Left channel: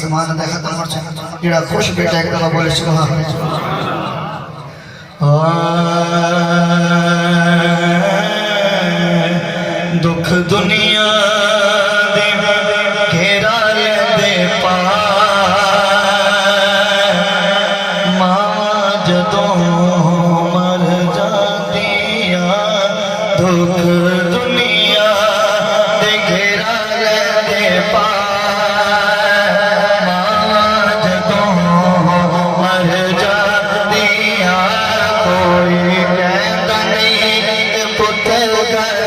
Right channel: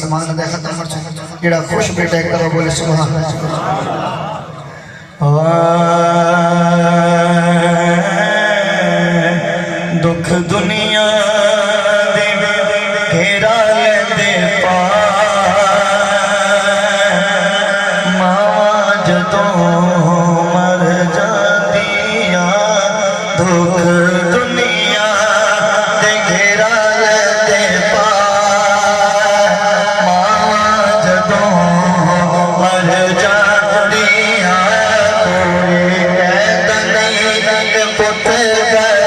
समान दा खत्म हो जेड़ा खुश बेटा एक दफा बोले सुभान दुख दुनिया दे घेरा लेंदे पा मावा जदों मर जांदियां दुख दुनिया दे घेरा लेंदे पा मावा जदों मर जांदियां कोई कहंदा नहीं पुत घर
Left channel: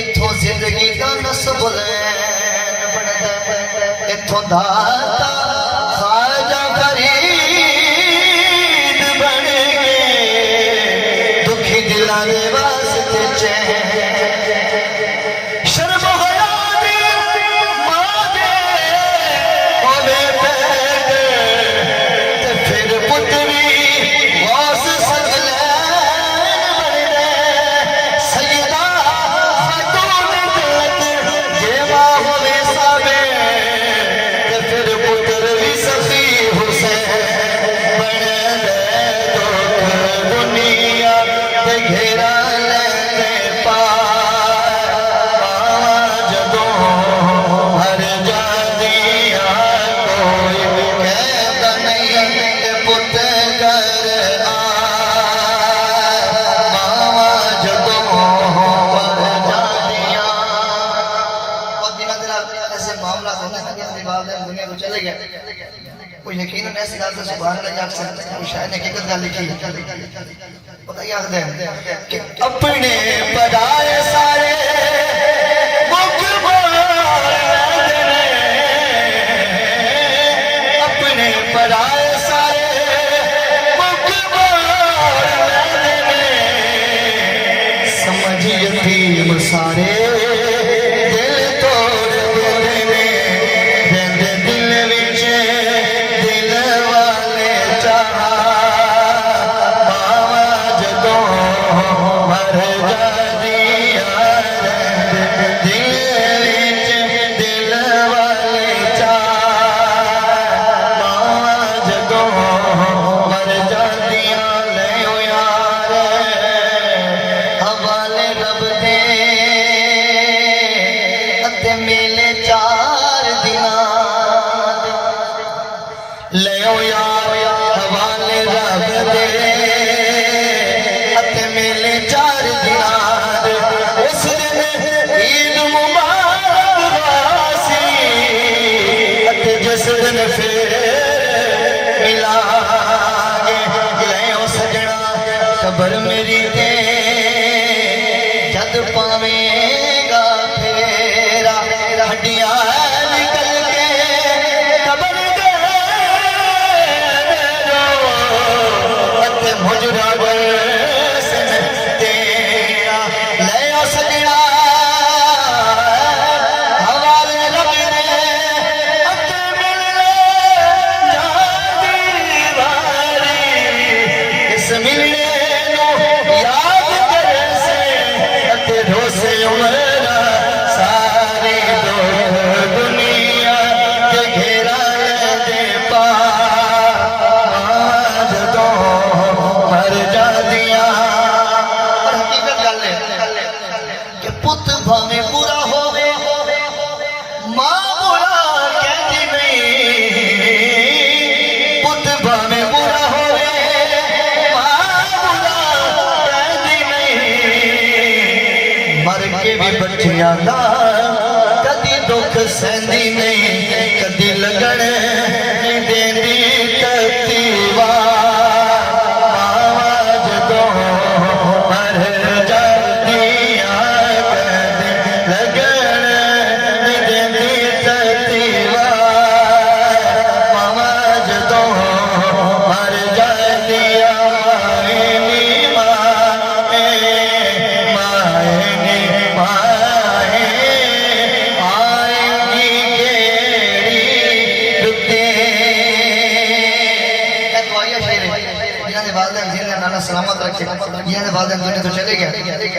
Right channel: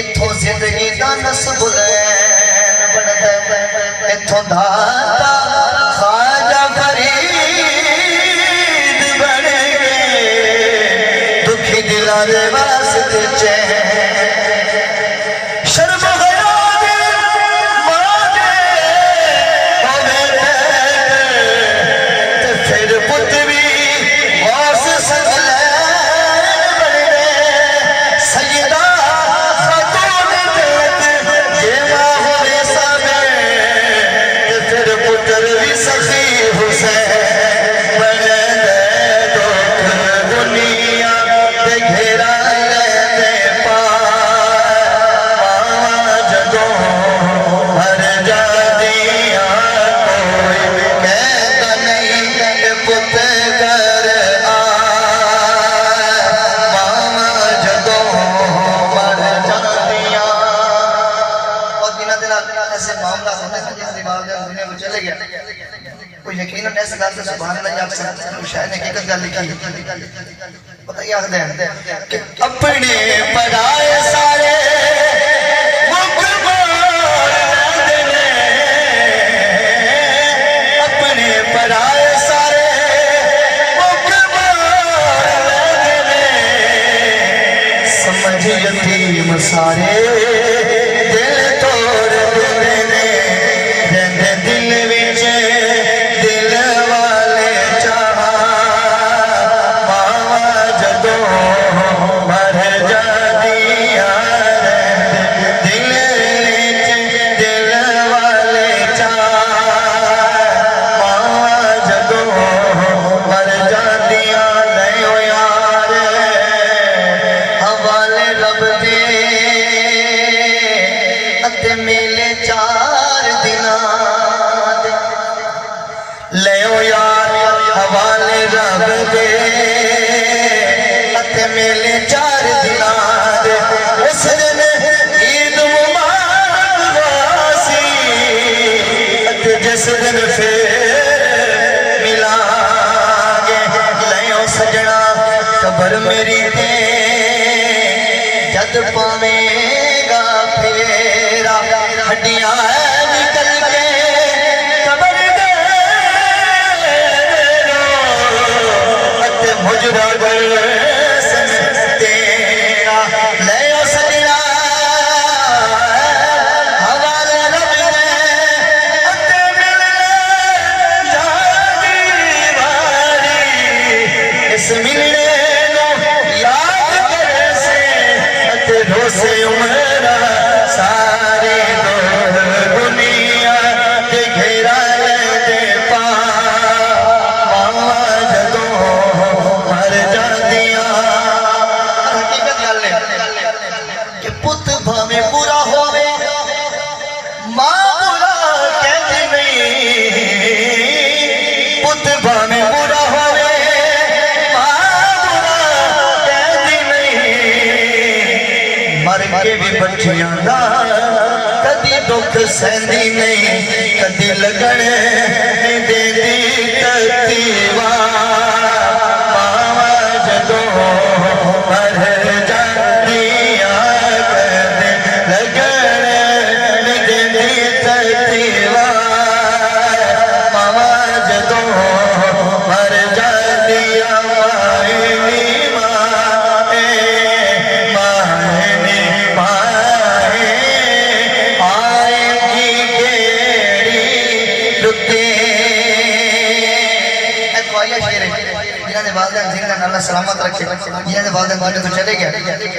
इथों जिंदगी का नस्ब इथों दाता ख्वाजा फरीद बन गए दुखी दिलां दे वास्ते चैन शर्म हया दे मां दे होवे ते फिर पुत भी वास सगलैन बन गए सईदा घेरा लेंदे पा मावा जदों मर जांदियां कोई कहंदा नहीं कि पुत घर आ मावा जदों मर जांदियां और बिना दिल ऐसे मामला होने का जिसके बाद दुनिया को चले गया कोई यकीनन ऐसे गाल से सुभान अल्लाह आप से शायद हकीकत गाल लिखी है पता क्या है कि अपने पराए सारे मुख मार देने अपने पराए सारे मुख मार देने समझ यतीम सारे दिल तोड़ देने देंदे दिल विच दिल वाले चाह मिले 4 दिन ले यार हवाले रब दे मिले 4 दिन उस दिन ईद मुबारक वासी जिस दिन फिर मिलांगे ले सजना खबर मेरी ते जद पावेगा फेरा हड्डियां निकल के कबर दे मुजरा कर तेरा ले सजना हवाले रब दे मिलने याद वारी इस मिलने नो याद कर से रोसे उमरा सारे दुनिया के घेरा लेंदे पा मावा जदों मर जांदियां हकीकत गल है कि पुत भावें बुरा होवे मां बुरा कहती नहीं पुत भावें बुरा होवे मां बुरा कहती नहीं मर के भी बच्चियां दा कदी दुख सहंदी नहीं कदी लगन देंदी तकीवा मावा जदों मर जांदियां लगन देंदी तकीवा मावा जदों मर जांदियां माए नी माए आएगी जिन्होंने वालदैन जिन्ना अल्लाह सलामत रखे जिन्होंने वालदैन दुनिया तो चले गए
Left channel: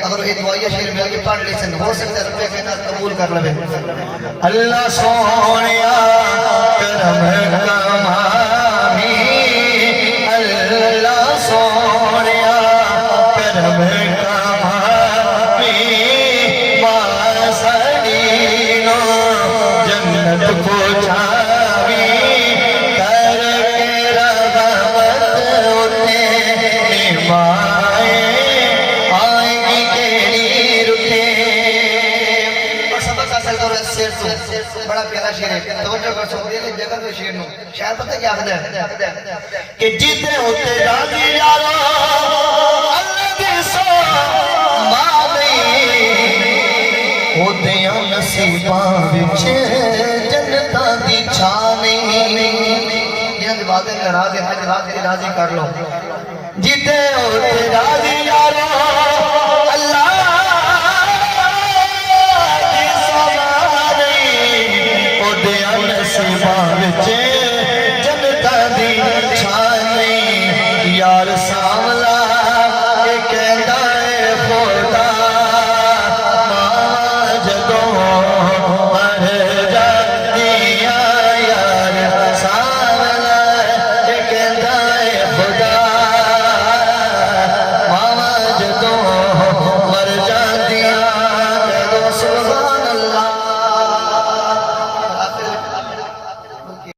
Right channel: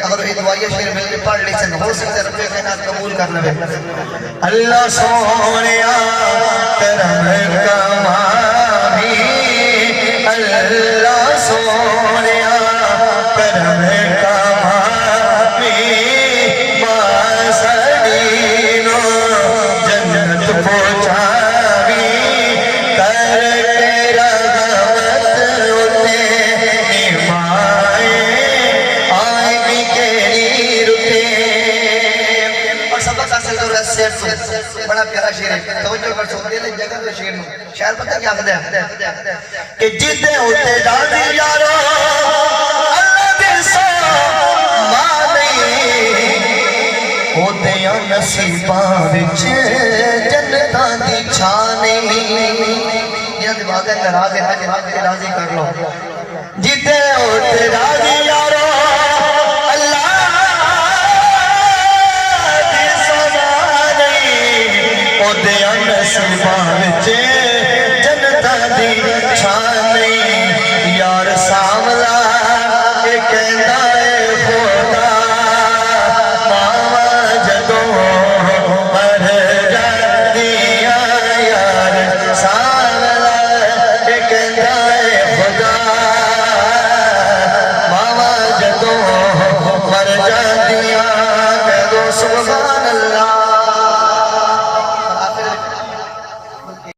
अगर ये दुआया शेर मिल के पढ़ ले हो सकता है रब्बे कायनात कबूल कर ले अल्लाह सोनिया करम कमानी अल्लाह सोनिया करम कमानी वासदीनो जन्नत पहुंचावी बड़ा प्यारा शेर है तवज्जो कर सो दिल जगह के शेर नु शायर पता क्या कहता है कि जिदे उते राजी यारो अल्लाह दी सो मानी ओते नसीबां विच जन्नतां दी छानी जिन्हां दे वादे नाराज है ते वादे राजी कर लो जिदे उते राजी यारो नसीबां विच